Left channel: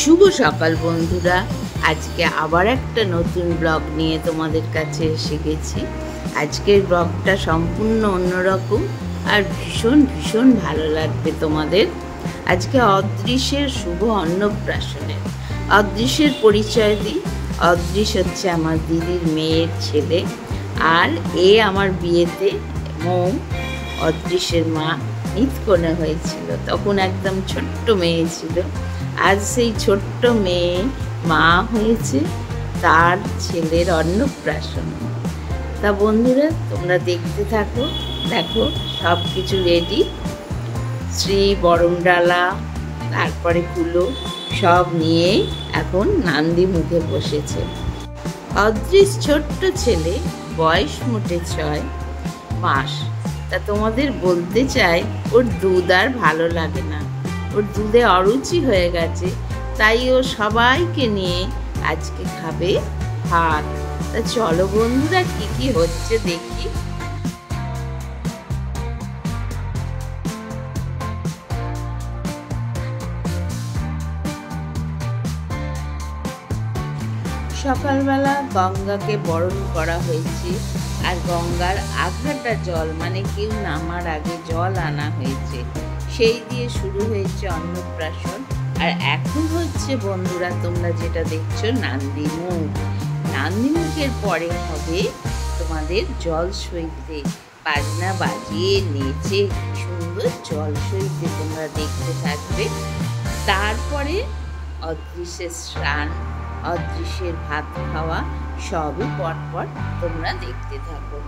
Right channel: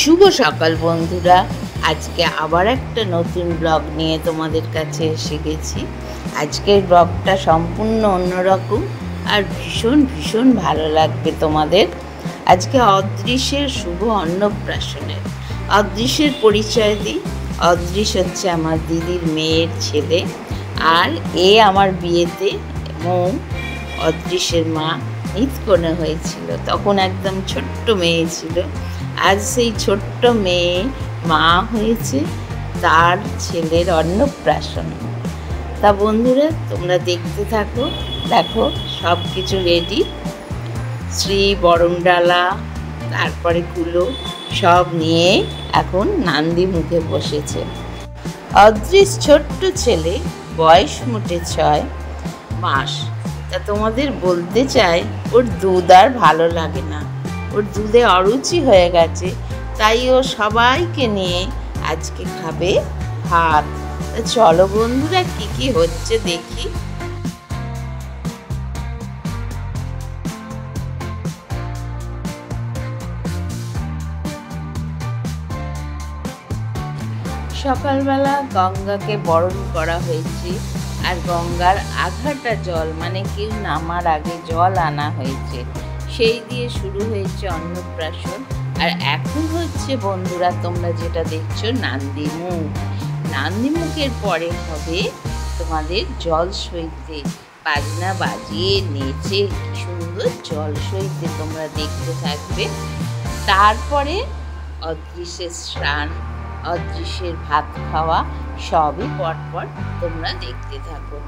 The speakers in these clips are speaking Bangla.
শুভ সকাল বন্ধুরা, আজকে আবার একটা নতুন ব্লগ নিয়ে তোমাদের কাছে এসে গেছি। আজকের ব্লগটা সম্পূর্ণ অন্যরকম আর ভীষণ ভীষণ ভালো লাগবে তোমাদের। আজকে অদৃশ্যের শুভ অন্নপ্রাশনের। অদৃশ্যের পরিচয় দিই। অদৃশ্য হচ্ছে আমার দিদির মেয়ের ছেলে, আর এ আমার বিয়েতে মৌ অদৃশ্যের মা নিতকনে হয়েছিল। তখন একদম ছোট্ট মেয়ে ছিল। আজ সেই ছোট্ট মেয়ে মা হয়েছে, তার ছেলের অন্নপ্রাশন। তা বন্ধুরা, তোমরা দেখতে থাকো। দেখো সব কিছু রেডি, শ্রী বরণডালা তারপরে কুলো সব নিয়ে এখন নান্দি মুখে বসেছে। অদৃশ্য ছোট্ট ছেলে, বয়স মোটে 6 মাস। তা তোমাদের বলতে চাই, ওর দুধ আর ভালো লাগে না, ওর দুধে অরুচি হয়ে গেছে। তাই ও সবাইকে নিয়ে আজকে খাবে ভাত। তা চলো বন্ধুরা, কি কি হচ্ছে দেখি। সকালবেলা গঙ্গাকে বরণ করা হয়েছে, আর গঙ্গার আঘাটা জল, মানে কেউ নামার আগে জল আনা হয়েছে, সেই দিয়ে শুরু হয়েছে অন্নপ্রাশন। আর এখন হচ্ছে বন্ধুরা, তোমরা যেটা দেখছো নান্দিমুখ। নান্দিমুখের পরে হবে তোমাদের জল সইতে, বাজনা বাজিয়ে নেচে কি সুন্দর জল সইতে তোমরা দেখতে থাকবে। তারপরে অদৃশ্যের স্নান, অদৃশ্যের ভাত খাওয়া, সবই পরপর তোমরা দেখতে থাকো।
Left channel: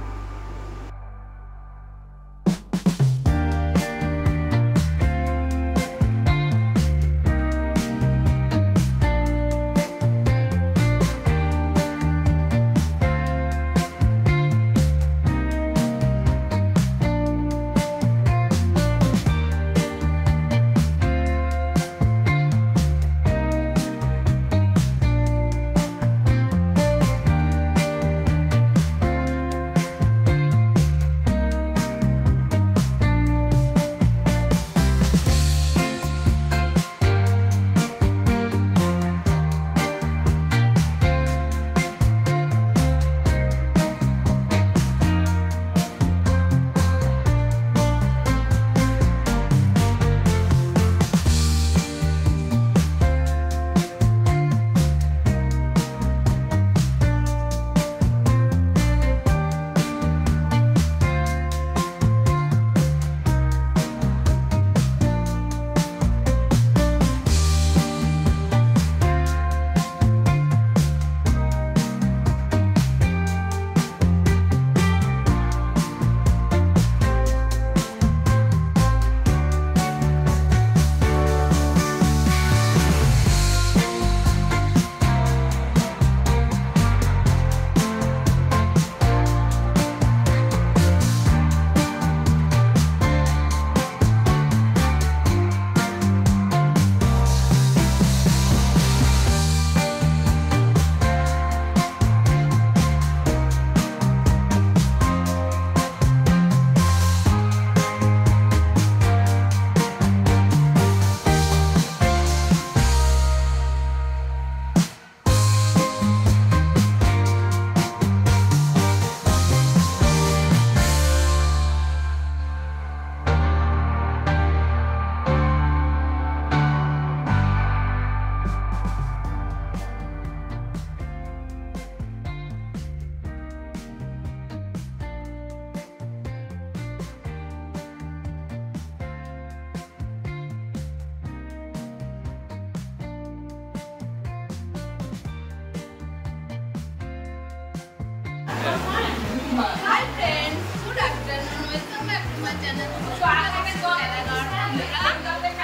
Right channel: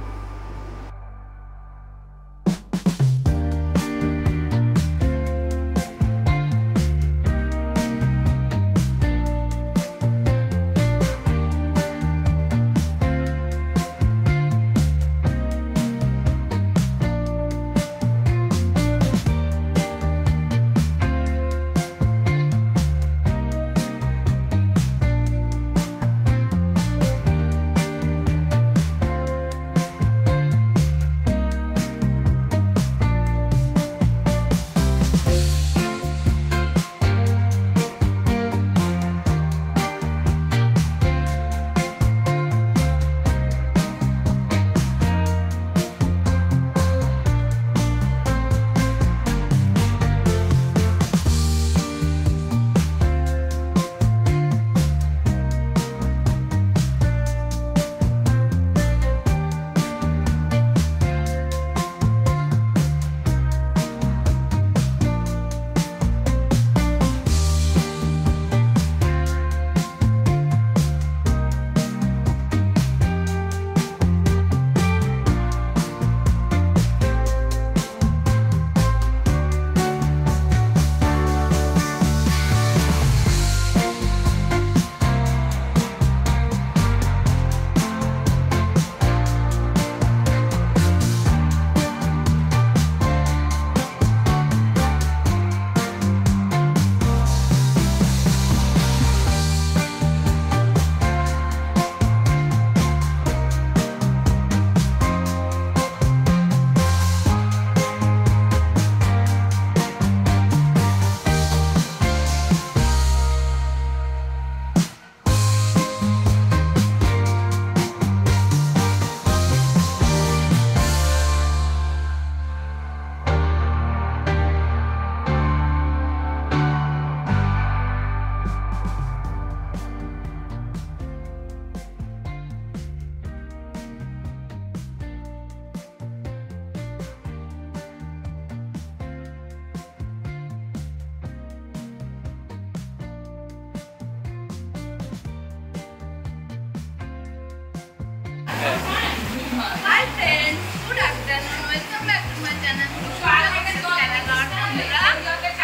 Hi friends, good afternoon. Welcome back to my channel.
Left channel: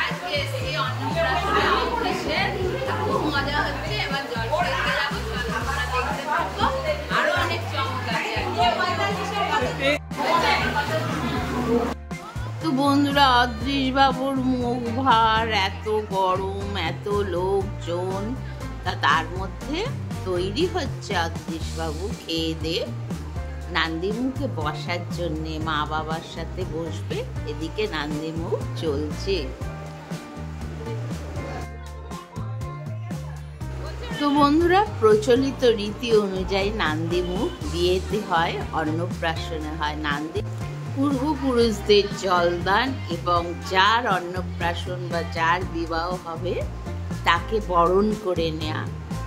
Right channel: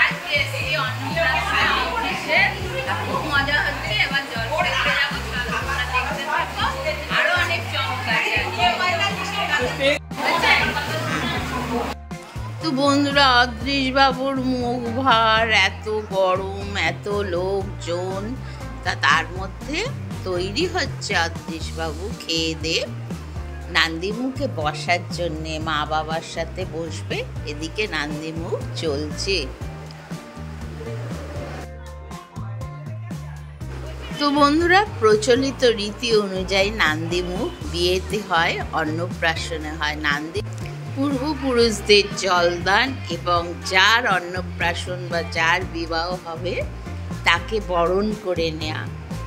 আজকে এই অন্নপ্রাশনে অদৃশ্যের খুব মজা হচ্ছে। এবার জল খেতে যাবো, তোমরা দেখতে থাকো। আরো অনেক চমক আছে। তো বন্ধুরা, অদৃশ্য বাবুর মুখ ভার, এত গরম, এত লোকজন, তার মধ্যে তৈরি হচ্ছে অদৃশ্য বাবু খেয়ে দিয়ে নান্দিমুখে বসার জন্যে, মা বাবার সাথে বসবে। এদিকে নান্দিমুখ চলছে। তো বন্ধুরা, প্রচলিত রীতি অনুযায়ী নান্দিমুখ বিয়েতে হয়, অন্নপ্রাশনে হয়। পূর্বপুরুষদের জলদান এবং যার অন্নপ্রাশন বা যার বিবাহ হবে তাকে বরণ করে নেওয়া,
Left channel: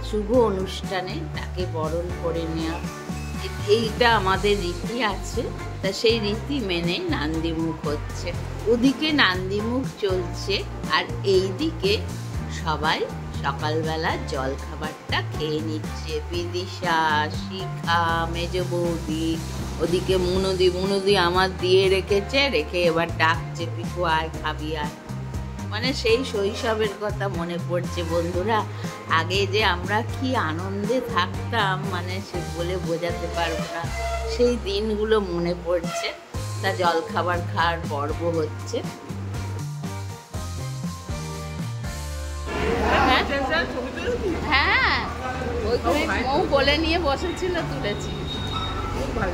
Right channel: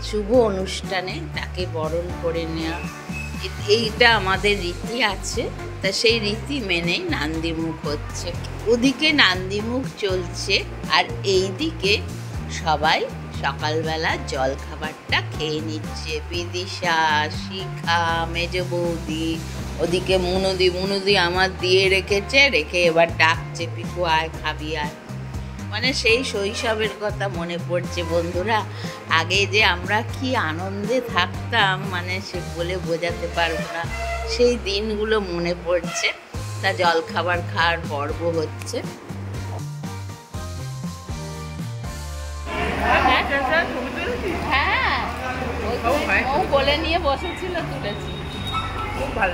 শুভ অনুষ্ঠানে তাকে বরণ করে নেওয়া, এইটা আমাদের রীতি আছে। তা সেই রীতি মেনে নান্দিমুখ হচ্ছে। ওদিকে নান্দিমুখ চলছে আর এইদিকে সবাই সকালবেলা জল খাবারটা খেয়ে নিচ্ছে। বিদিশা, শিখা, মেজ বৌদি, ওদিকে মুনুদি আমার দিয়ে রেখে এবার ডাকছে, পিকু আয় খাবি আয়। মানে সেই শৈশবের কথা মনে পড়ছে বন্ধুরা। আগে যে আমরা কি আনন্দে থাকতাম, মানে সে বলে বোঝাতে পারবো না। সেই দিনগুলো মনে পড়ছে। তা জলখাবার খাওয়ার পর্ব হচ্ছে। হ্যাঁ, ও বলে নিয়ে বসেছিল, তুলেছি। খুব ভালো।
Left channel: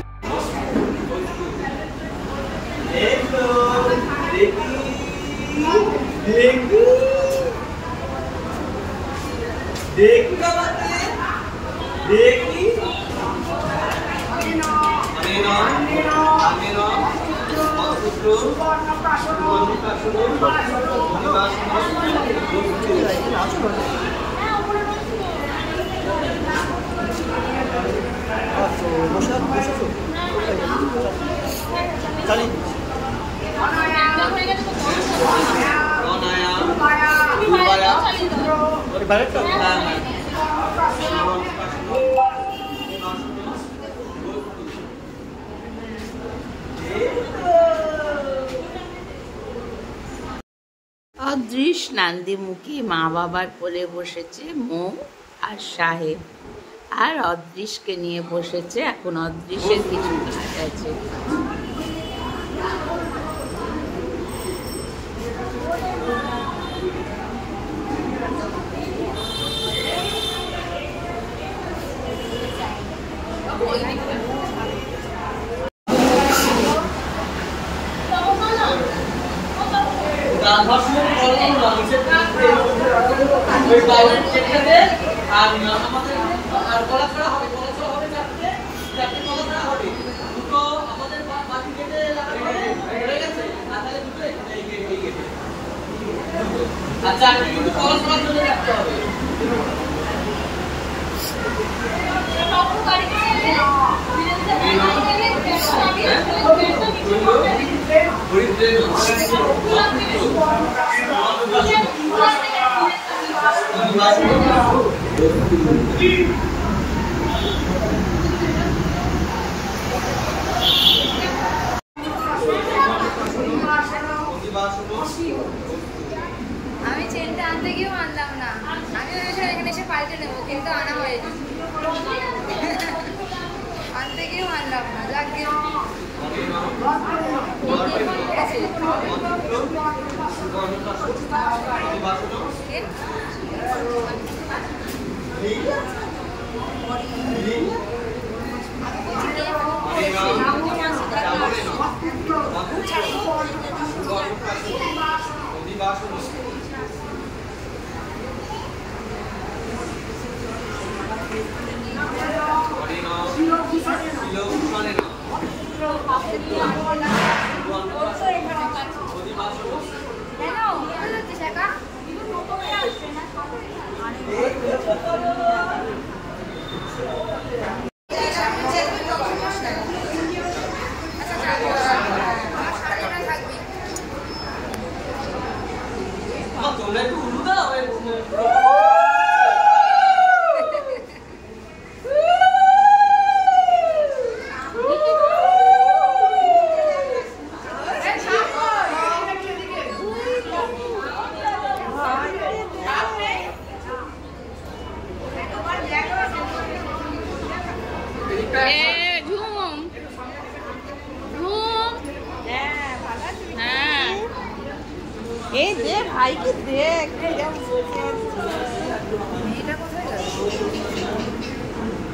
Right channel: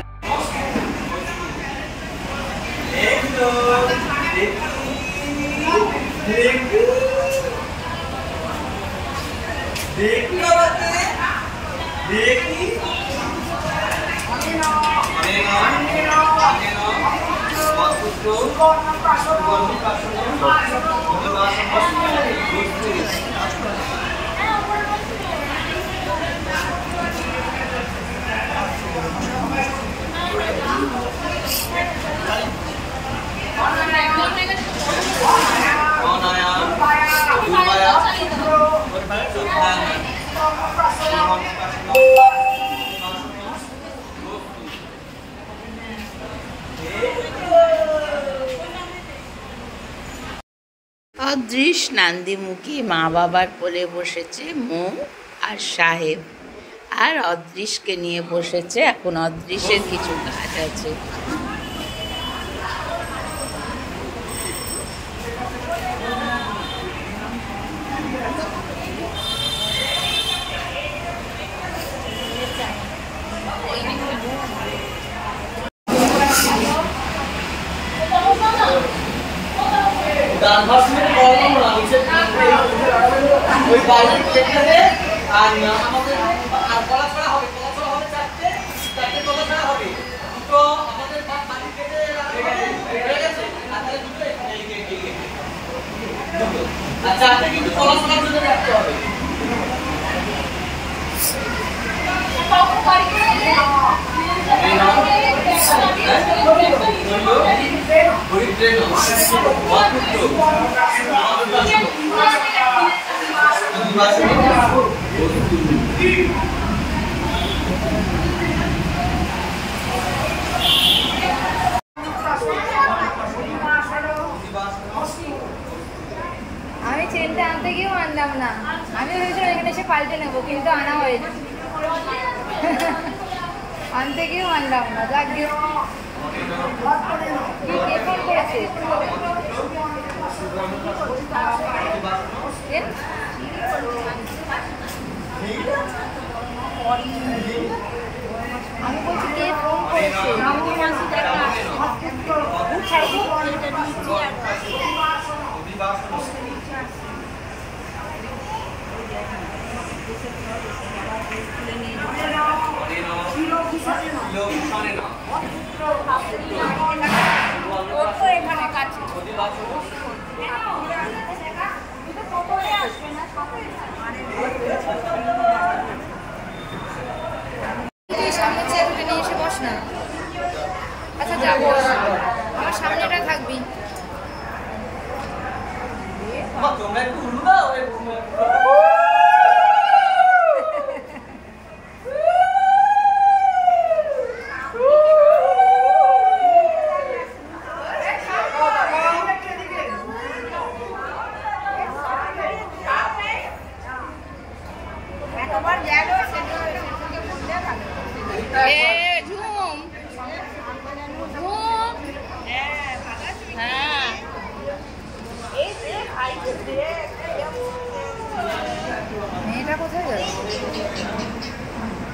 অদৃশ নান্দিমুখী মা বাবার কোলে বসেছে মৌ আর সাহেব, আর অদৃশকে নিয়ে বসেছে। এখন অদৃশের কিছু কাজ আছে। আচ্ছা, আপনি কিন্তু পড়াশোনার জন্য রাখতে হবে। আমি চেনটা আনতে গিয়েও আনলাম না। আমি ভেবেছিলাম এখানে এসে পাল্টে নেবো, কিন্তু আনা হয়েছে। আনতে গিয়েও আনলাম না। এখানে কাছে তোমরা একটু উড়ু দাও।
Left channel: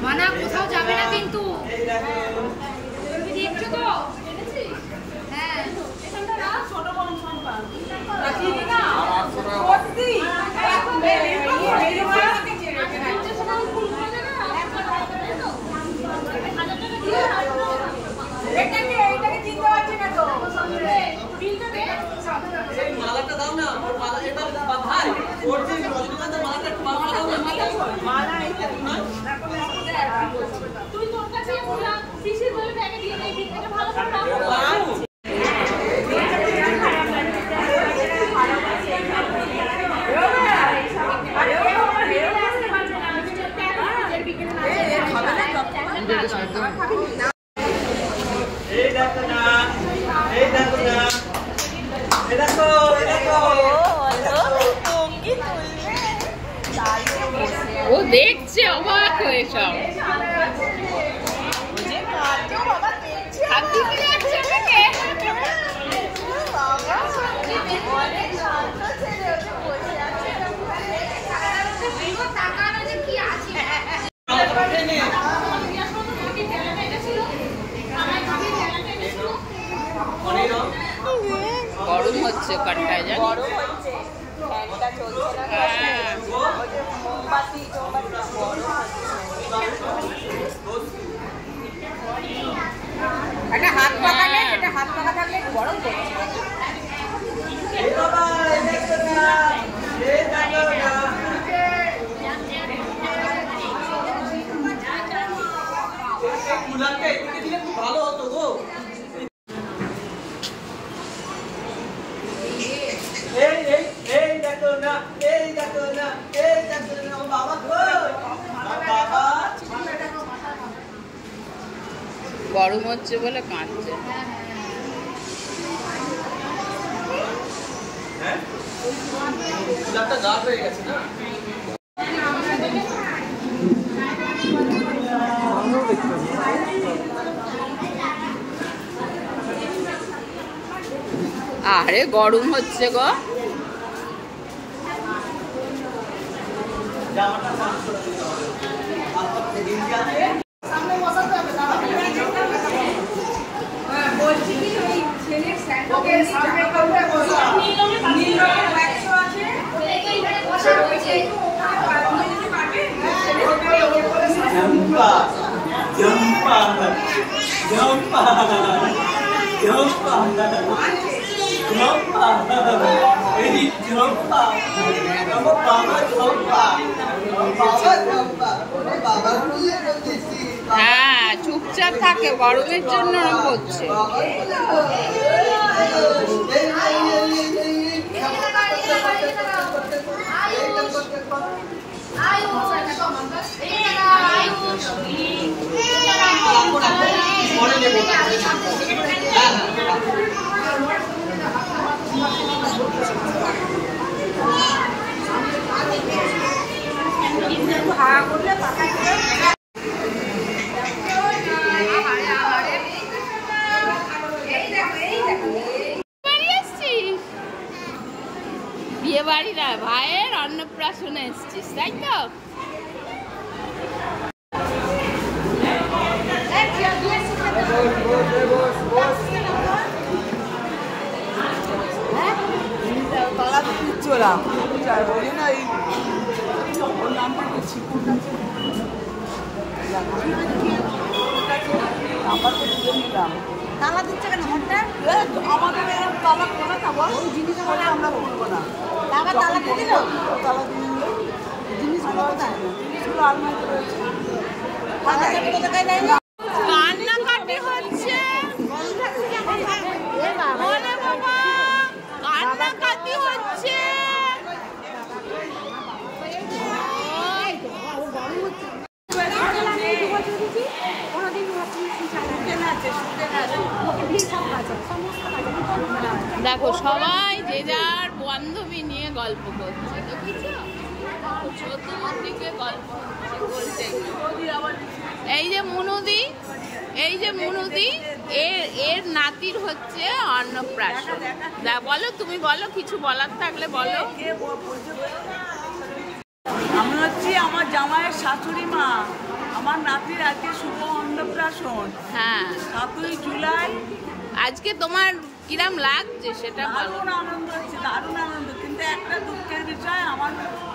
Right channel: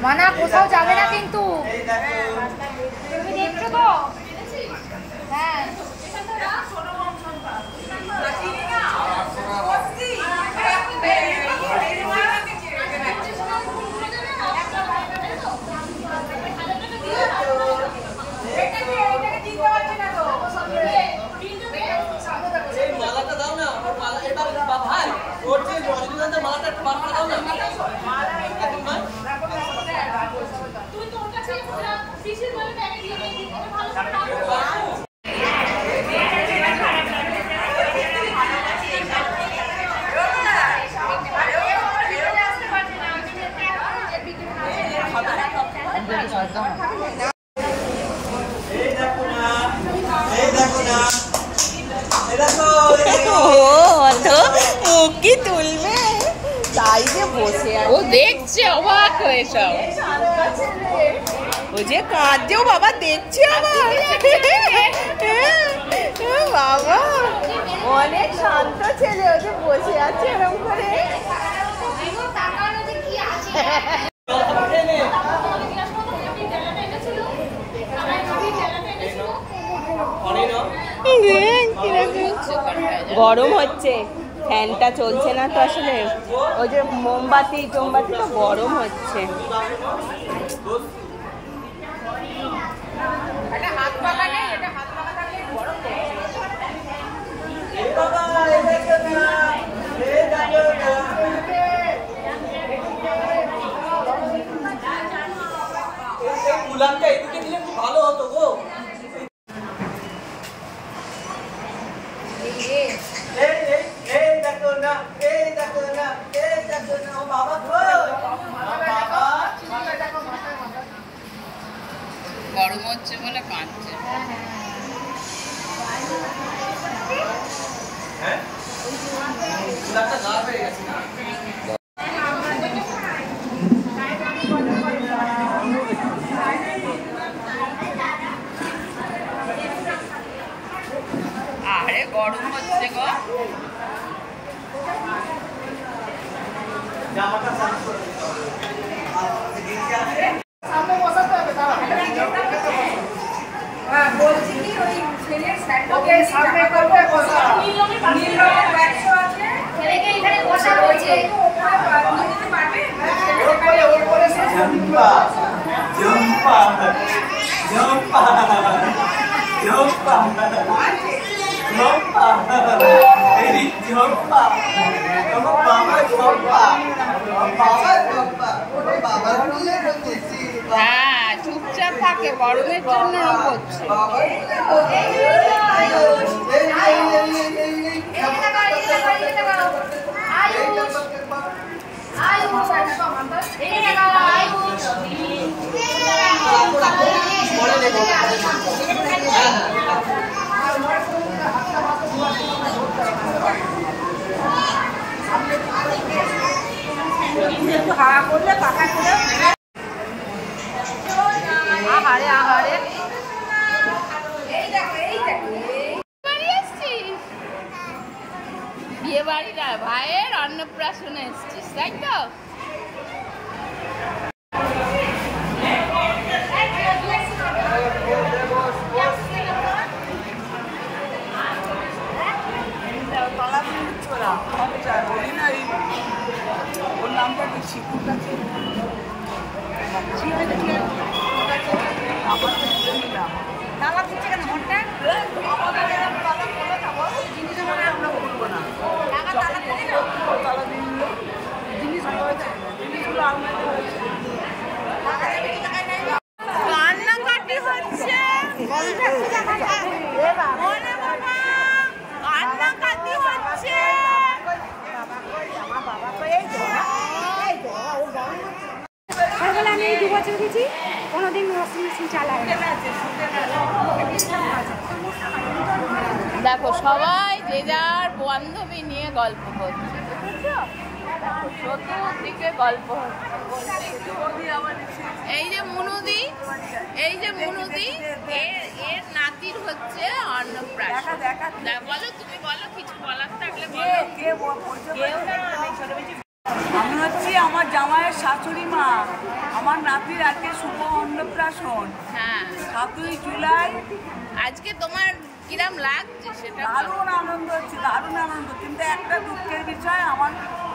মানা কোথাও যাবে না কিন্তু, তুমি দেখছো তো? হ্যাঁ, ও দেখছে অবাক হয়ে সব। ওই যে কাঁদছেও বাবা, দেখছে বাবা, অনেক শান্ত ছেলে, ওই যে বসে আছে এরকম করে। গরম হচ্ছে, ফ্যানটা চলছে না তো আসলে, ওই যে মোমবাতি গরম হচ্ছে। কুলারটা এদিকে দিলে খুব ভালো হতো গো। গরম হচ্ছে বলে কাঁদছে। কুলারটা গা হয়ে গেছে না। আরে গরম হচ্ছে গো। জামাটা সার্চ করে দিতে হবে। আপনাদের দিন যাচ্ছে। বলছি ওই ছেলের স্যান্ডোকে সামনে করতে বসা নীল রঙের ব্যাগস আছে, ছেলেকে এখানে বসা রয়েছে, ওখানে পাঠিয়ে দিতে পারবে, ছেলেকে ওর করে জম্পা জম্পা জম্পা জম্পা জম্পা এই জম্পা আমার বাবা জম্পা বাবা জম্পা বাবা নিয়ে করতেছি। হ্যাঁ, চুপচাপ থাকে, গরমের জন্য ওরকম করছে। বিয়ে বাড়ি না, ভাইয়ের অন্নপ্রাশনে এসছিস, তাই তো? ওর নামটা কি ছিকুরটা তালা দিচ্ছে কেন হঠাৎ? তালা করে খাবো জিনিস মানে আমরা বলবো না। বাবা তালা দিয়ে দিল, জিনিসগুলো কোথায়? জিনিসগুলো আলমারিতে রয়েছে। তালা দিয়ে কোথায় নেই? কান্নাকাটি হচ্ছে। ওরে বাবা, কান্নাকাটি হচ্ছে। বাবা কই, আমার বাবা কই, এই তো ও গরম হচ্ছে। দেখো সবাই যে যার বান্ধবী নিয়ে গল্প করছে, দেখেছো? চতুর্দিকে গল্প হচ্ছে, বলছে এই যে মুনুদি, এর নাতির হচ্ছে অন্নপ্রাশন। বলো, তুমি বলো, কিছু বলার থাকলে বলো। আমি হচ্ছি আমার জামাইয়ের শাশুড়ি মা, আমার নাতির আজকে শুভ অন্নপ্রাশন। হ্যাঁ, 7ই জুলাই। আজকে তোমার কিরাম লাগছে সেটা বলো। দারুণ আনন্দ হচ্ছে, দারুণ আনন্দ, কিন্তু একটা দুঃখের বিষয়, আমার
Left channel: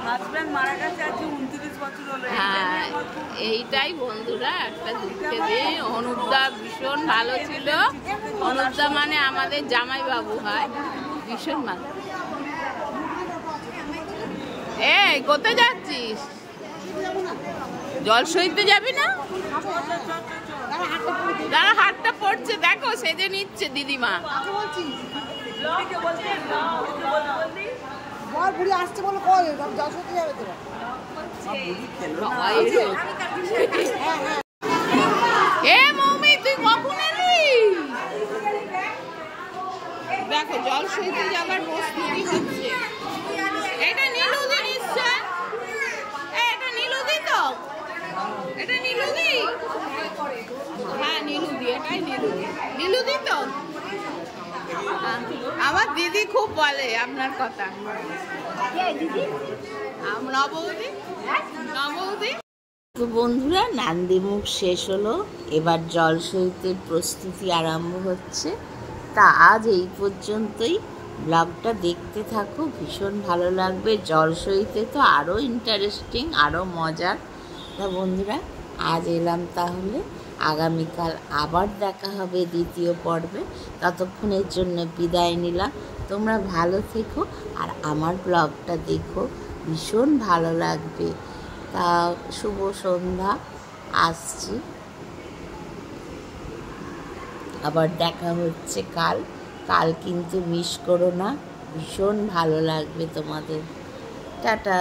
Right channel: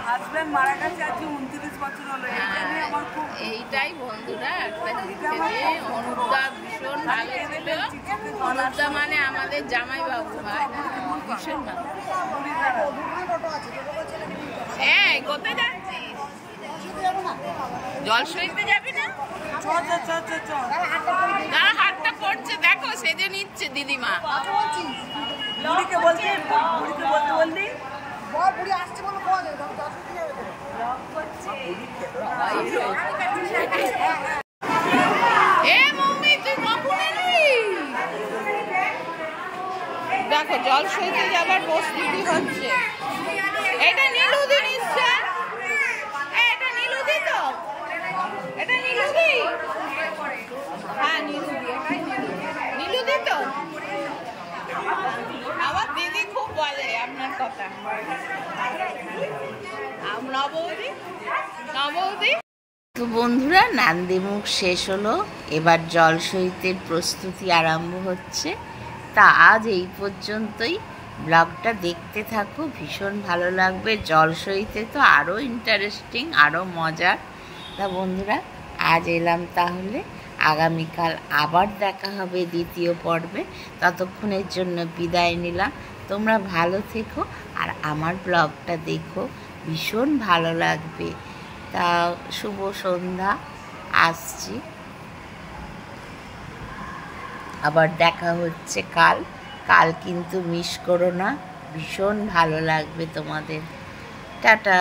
হাজব্যান্ড মারা গেছে আজকে 29 বছর হলো। হ্যাঁ, আমার খুব এইটাই বন্ধুরা একটা দুঃখের দিন। অনুপদা ভীষণ ভালো ছিল। অনুপদা মানে আমাদের জামাই বাবু হয়, ভীষণ ভালো। এই কোথায় যাচ্ছিস? জল সইতে যাবি না? যারা হাতটা পড়ছে দেখো, সেজে নিচ্ছে দিদিমা। দেখো জল সইতে যাবার প্রস্তুতি হচ্ছে। এটা নীলুদি নিশ্চয়, এটা নীলুদি তো, এটা নীলুদি। হ্যাঁ নীলুদি, এটাই নীলুদি। নীলুদি তো আমার দিদি খুব বলে আপনার কথা। নবৌদি, নবৌদি। তো বন্ধুরা, নান্দিমুখ শেষ হলো, এবার জল সইতের প্রস্তুতি আরম্ভ হচ্ছে। তা আজ এই পর্যন্তই। ব্লগটা দেখতে থাকো, ভীষণ ভালো লাগবে। জল সইতে তো আরও ইন্টারেস্টিং, আরও মজার। তা বন্ধুরা, আজ এলাম তাহলে, আগামীকাল আবার দেখা হবে দ্বিতীয় পর্বে। ততক্ষণের জন্য বিদায় নিলাম। তোমরা ভালো থেকো আর আমার ব্লগটা দেখো, ভীষণ ভালো লাগবে। তা শুভ সন্ধ্যা, আসছি। আবার দেখা হচ্ছে কাল। কাল কিন্তু মিস করো না, ভীষণ ভালো লাগবে তোমাদের। টাটা।